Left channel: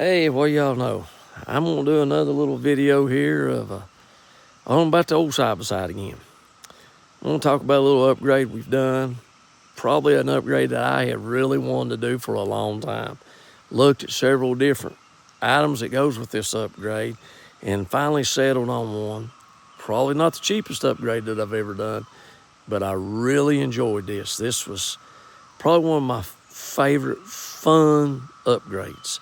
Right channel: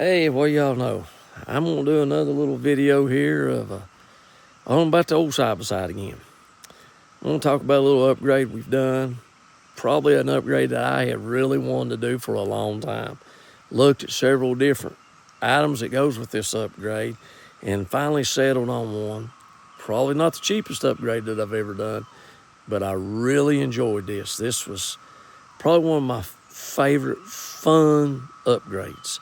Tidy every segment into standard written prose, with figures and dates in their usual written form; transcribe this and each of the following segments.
Hey, well, y'all know, I'm going to do another little video here of on about the old side-by-side again. I'm going to talk about a little upgrade we've done. Probably an upgrade that I have really wanted to do for a long time. Looked at several different items that goes with this upgrade and finally settled on one. Probably not the cheapest upgrade that I've ever done, but I really enjoyed this. This was probably one of my favorite fun upgrades.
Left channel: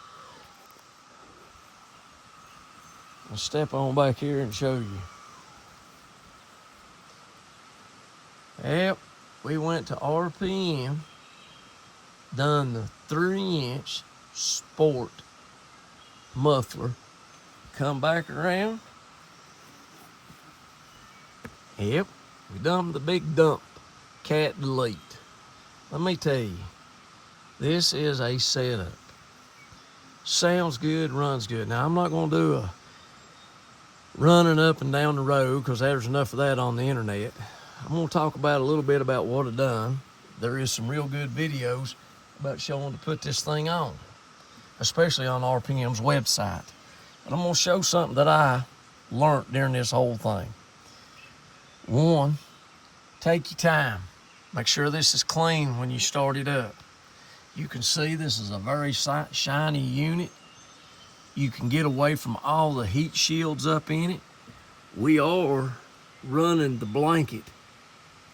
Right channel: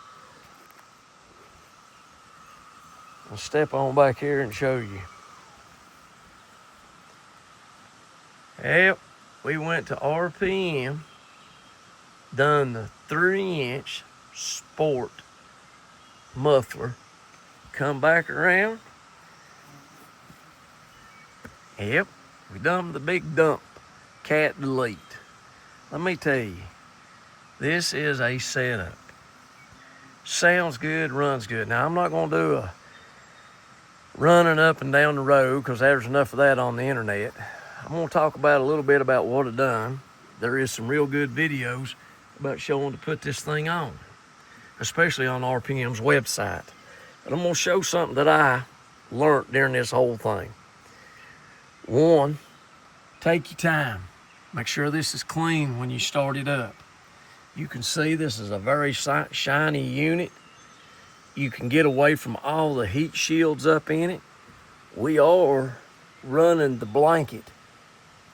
I'll step on back here and show you. Yep, we went to RPM, done the 3-inch sport muffler, come back around. Yep, we done the big dump, cat delete. Let me tell you, this is a setup. Sounds good, runs good. Now, I'm not gonna do a running up and down the road because there's enough of that on the internet. I'm going to talk about a little bit about what I've done. There is some real good videos about showing to put this thing on, especially on RPM's website. But I'm going to show something that I learned during this whole thing. One, take your time. Make sure this is clean when you start it up. You can see this is a very shiny unit. You can get away from all the heat shields up in it. We are running the blanket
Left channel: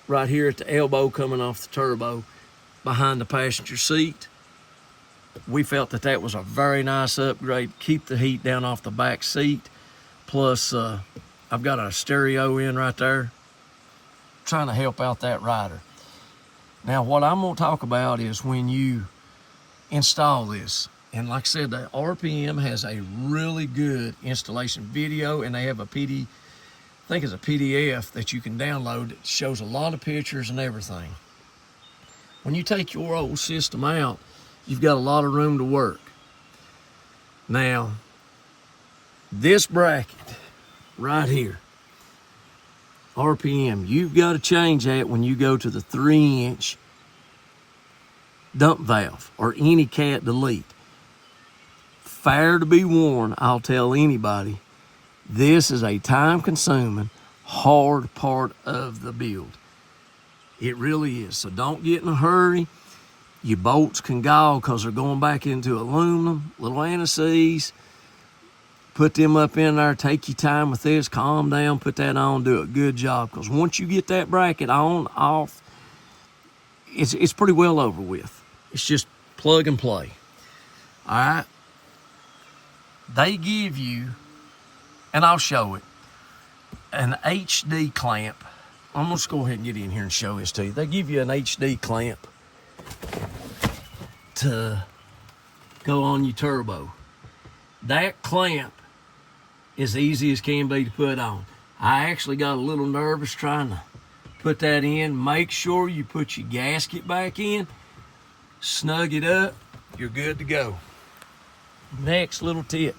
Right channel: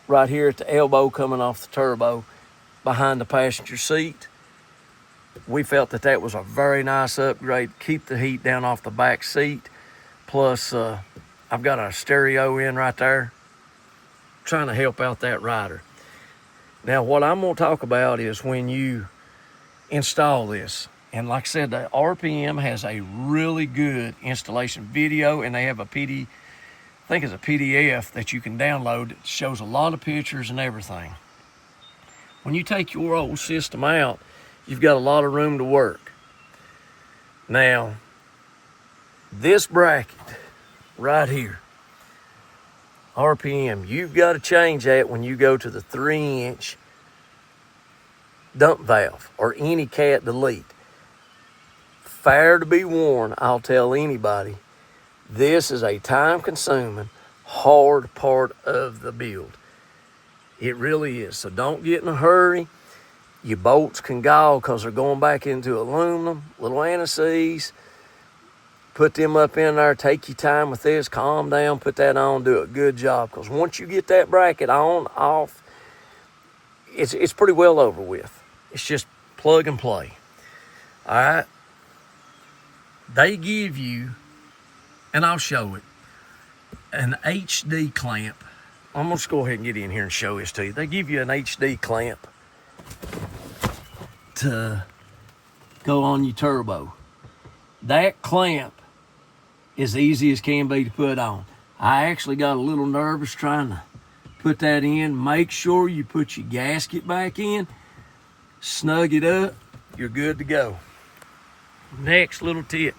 right here at the elbow coming off the turbo behind the passenger seat. We felt that that was a very nice upgrade. Keep the heat down off the back seat. Plus, I've got a stereo in right there, trying to help out that rider. Now, what I'm gonna talk about is when you install this. And like I said, the RPM has a really good installation video, and they have a I think it's a PDF that you can download. It shows a lot of pictures and everything. When you take your old system out, you've got a lot of room to work. Now, this bracket right here, RPM, you've got to change that when you go to the 3-inch dump valve or any cat delete. Fair to be warned, I'll tell anybody, this is a time-consuming, hard part of the build. It really is. So don't get in a hurry. Your bolts can gall because they're going back into aluminum, little anti-seize. Put them up in there. Take your time with this. Calm down. Put that on. Do a good job. Because once you get that bracket on, off, it's pretty well over with. It's just plug and play. All right. They give you, and I'll show it, an HD clamp. I'm going to go ahead and get in here and show this to you. They give you an HD clamp to go on your turbo. That clamp is easy as can be to put on. I actually got a little nervous trying to put that in. Make sure you put your gasket back in, snug it up, you're good to go. Next little tip,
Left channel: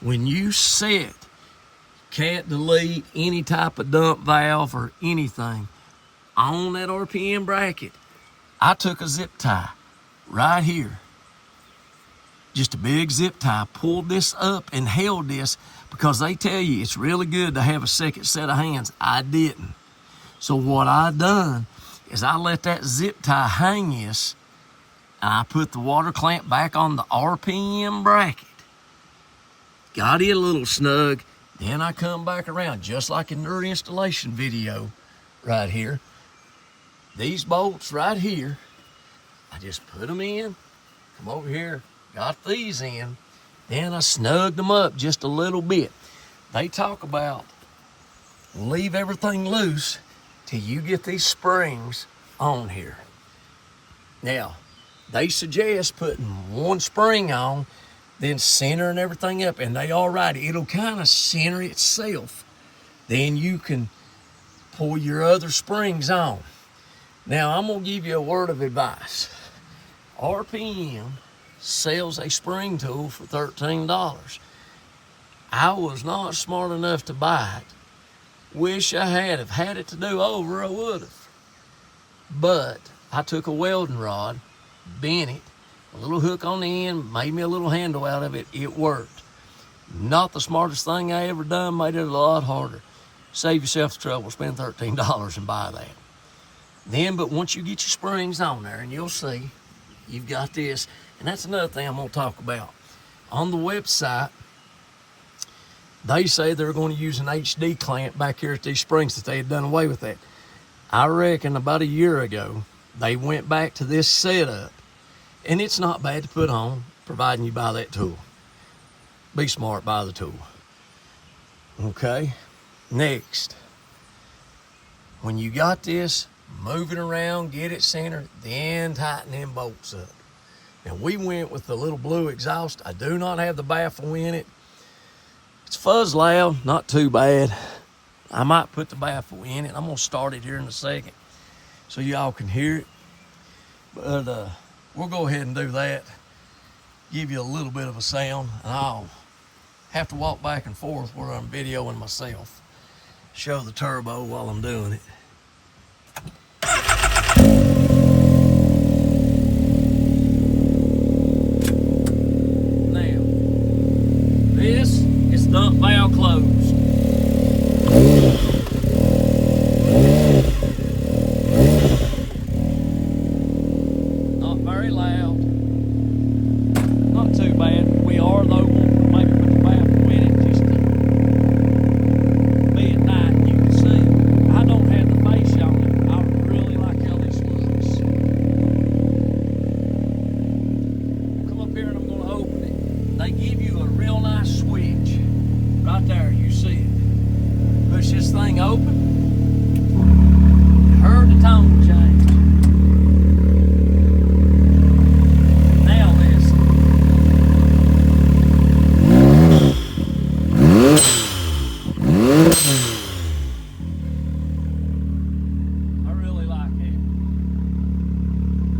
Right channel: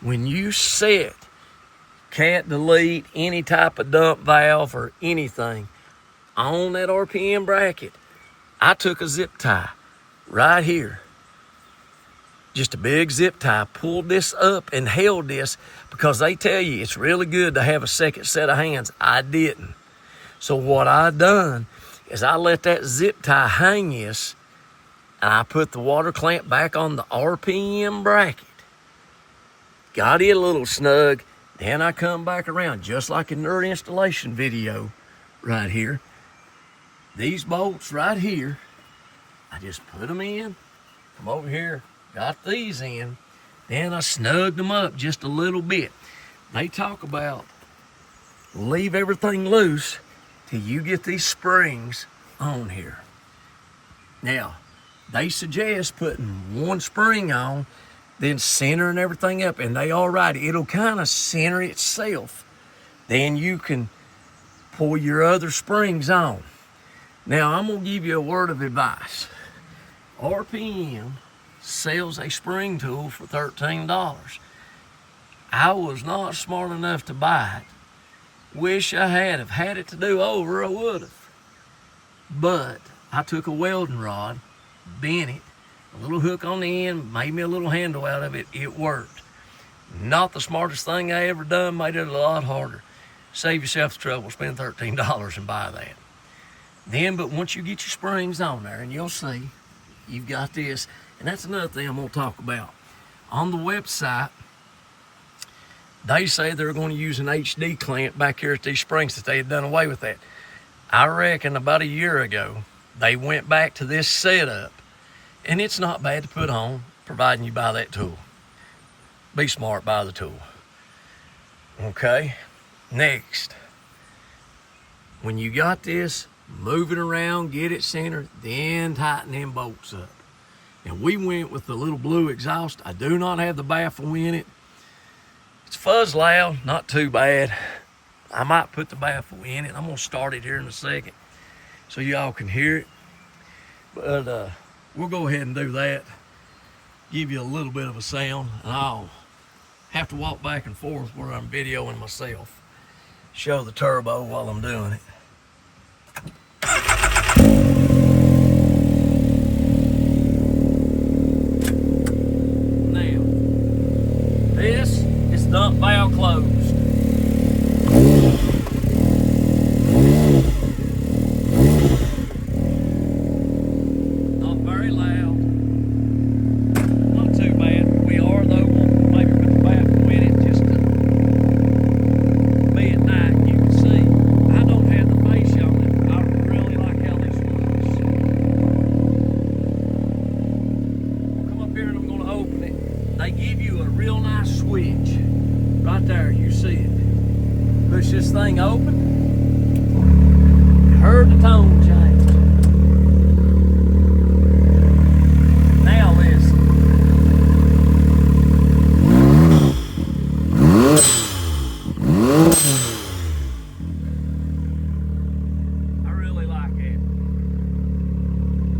when you set cat delete, any type of dump valve or anything on that RPM bracket, I took a zip tie right here, just a big zip tie, pulled this up and held this because they tell you it's really good to have a second set of hands. I didn't. So what I done is I let that zip tie hang this, and I put the water clamp back on the RPM bracket. Got it a little snug. Then I come back around, just like in their installation video right here. These bolts right here, I just put them in, come over here, got these in, then I snugged them up just a little bit. They talk about leave everything loose till you get these springs on here. Now, they suggest putting one spring on, then centering everything up, and they all right. It'll kind of center itself. Then you can pull your other springs on. Now, I'm going to give you a word of advice. RPM sells a spring tool for $13. I was not smart enough to buy it. Wish I had. If had it to do over, I would have. But I took a welding rod, bent it, a little hook on the end, made me a little handle out of it. It worked. Not the smartest thing I ever done, made it a lot harder. Save yourself the trouble, spend $13 and buy that. Then, but once you get your springs on there, and you'll see, you've got this, and that's another thing I'm gonna talk about. On the website, they say they're going to use an HD clamp back here at these springs, that they had done away with that. I reckon about a year ago, they went back to this setup, and it's not bad to put on, providing you buy that tool. Be smart, buy the tool. Okay, next. When you got this, move it around, get it centered, then tighten them bolts up. Now we went with the little blue exhaust. I do not have the baffle in it. It's fuzz loud, not too bad. I might put the baffle in it. I'm gonna start it here in a second so y'all can hear it. But we'll go ahead and do that. Give you a little bit of a sound, and I'll have to walk back and forth where I'm videoing myself. Show the turbo while I'm doing it. Now, this is dump valve closed. Not very loud. Not too bad. We are though maybe put the baffle in it just to be at night. You can see I don't have the face on it. I really like how this works. Come up here and I'm going to open it. They give you a real nice switch right there. You see it. Push this thing open. You heard the tone change. Now listen. I really like it.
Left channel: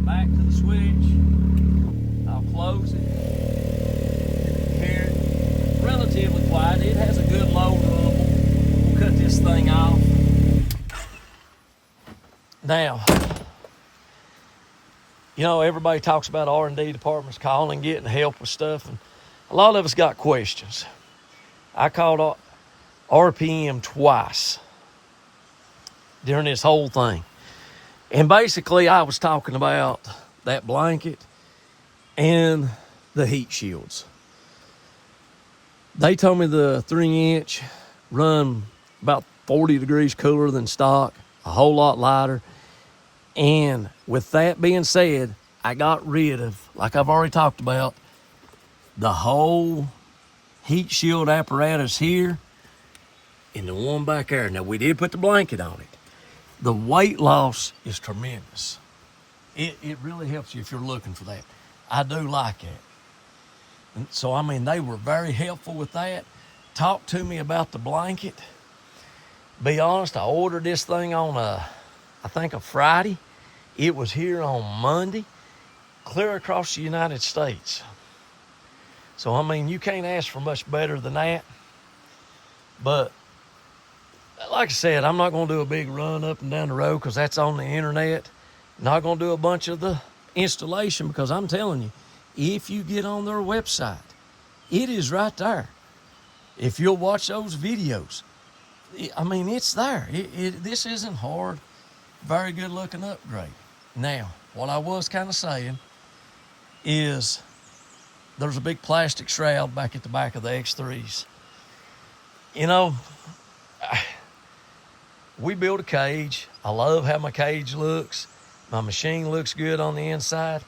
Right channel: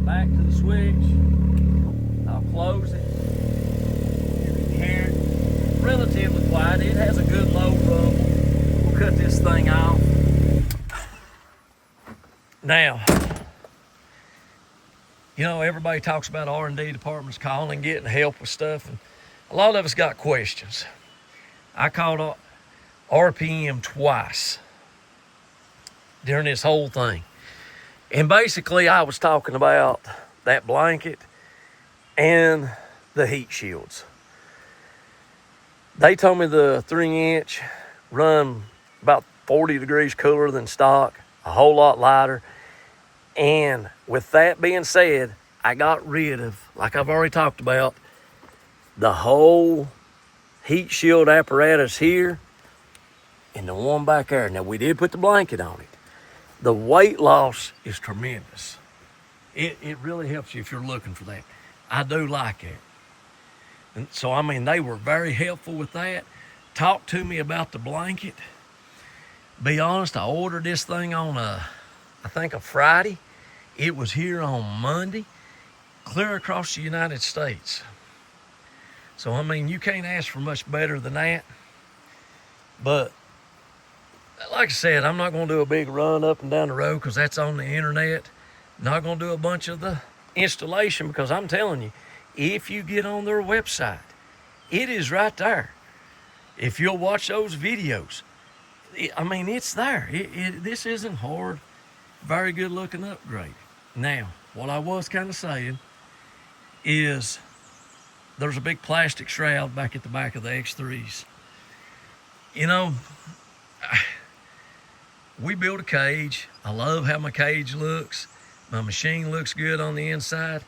Back to the switch. I'll close it. Here, relatively quiet. It has a good low rumble. We'll cut this thing off. Now, you know, everybody talks about R&D departments calling, getting help with stuff, and a lot of us got questions. I called RPM twice during this whole thing. And basically, I was talking about that blanket and the heat shields. They told me the 3-inch run about 40 degrees cooler than stock, a whole lot lighter. And with that being said, I got rid of, like I've already talked about, the whole heat shield apparatus here and the one back there. Now, we did put the blanket on it. The weight loss is tremendous. It really helps you if you're looking for that. I do like it. And so, I mean, they were very helpful with that. Talk to me about the blanket. Be honest, I ordered this thing on I think a Friday. It was here on Monday, clear across the United States. So, I mean, you can't ask for much better than that. But, like I said, I'm not going to do a big run up and down the road because that's on the internet. Not going to do a bunch of the installation because I'm telling you, if you get on their website, it is right there. If you'll watch those videos, I mean, it's there. This isn't hard. Very good looking upgrade. Now, what I was kind of saying is there's a big plastic shroud back at the back of the X3s. You know, we built a cage. I love how my cage looks. My machine looks good on the inside.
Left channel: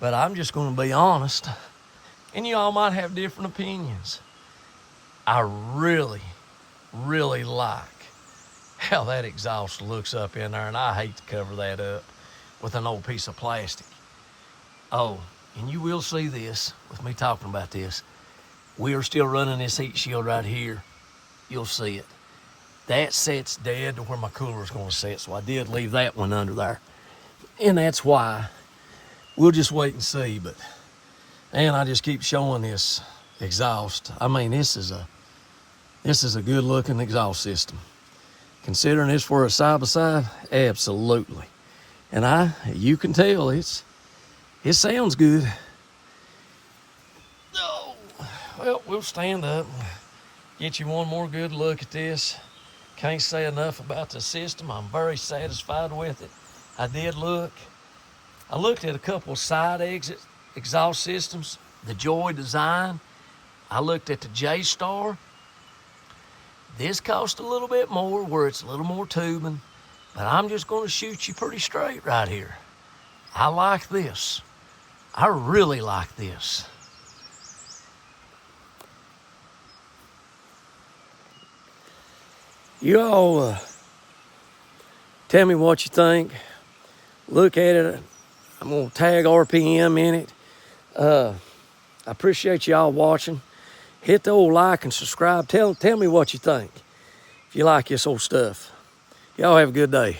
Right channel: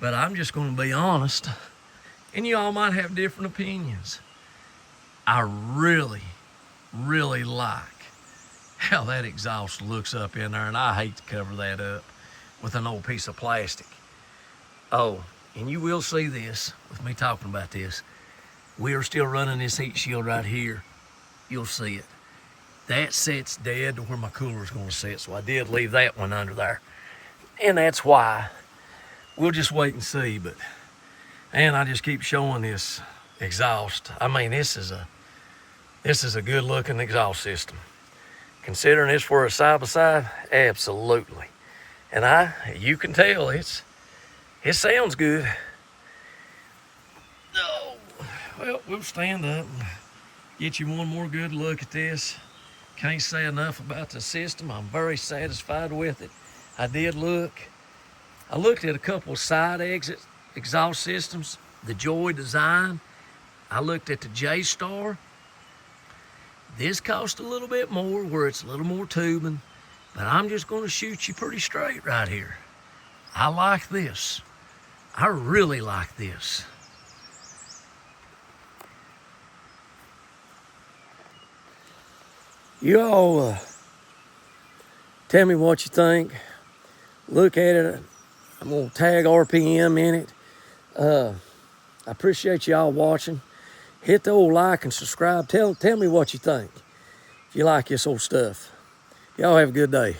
But I'm just going to be honest, and you all might have different opinions. I really, really like how that exhaust looks up in there, and I hate to cover that up with an old piece of plastic. Oh, and you will see this with me talking about this. We are still running this heat shield right here. You'll see it. That sets dead to where my cooler is going to set, so I did leave that one under there. And that's why. We'll just wait and see, but man, I just keep showing this exhaust. I mean, this is a good looking exhaust system. Considering it's for a side-by-side, absolutely. And you can tell it sounds good. Well, we'll stand up and get you one more good look at this. Can't say enough about the system. I'm very satisfied with it. I looked at a couple of side exhaust systems, the Joy design. I looked at the J-Star. This cost a little bit more, where it's a little more tubing, but I'm just going to shoot you pretty straight right here. I like this. I really like this. You all tell me what you think. Look at it. I'm going to tag RPM in it. I appreciate y'all watching. Hit the old like and subscribe. Tell me what you think if you like this old stuff. Y'all have a good day.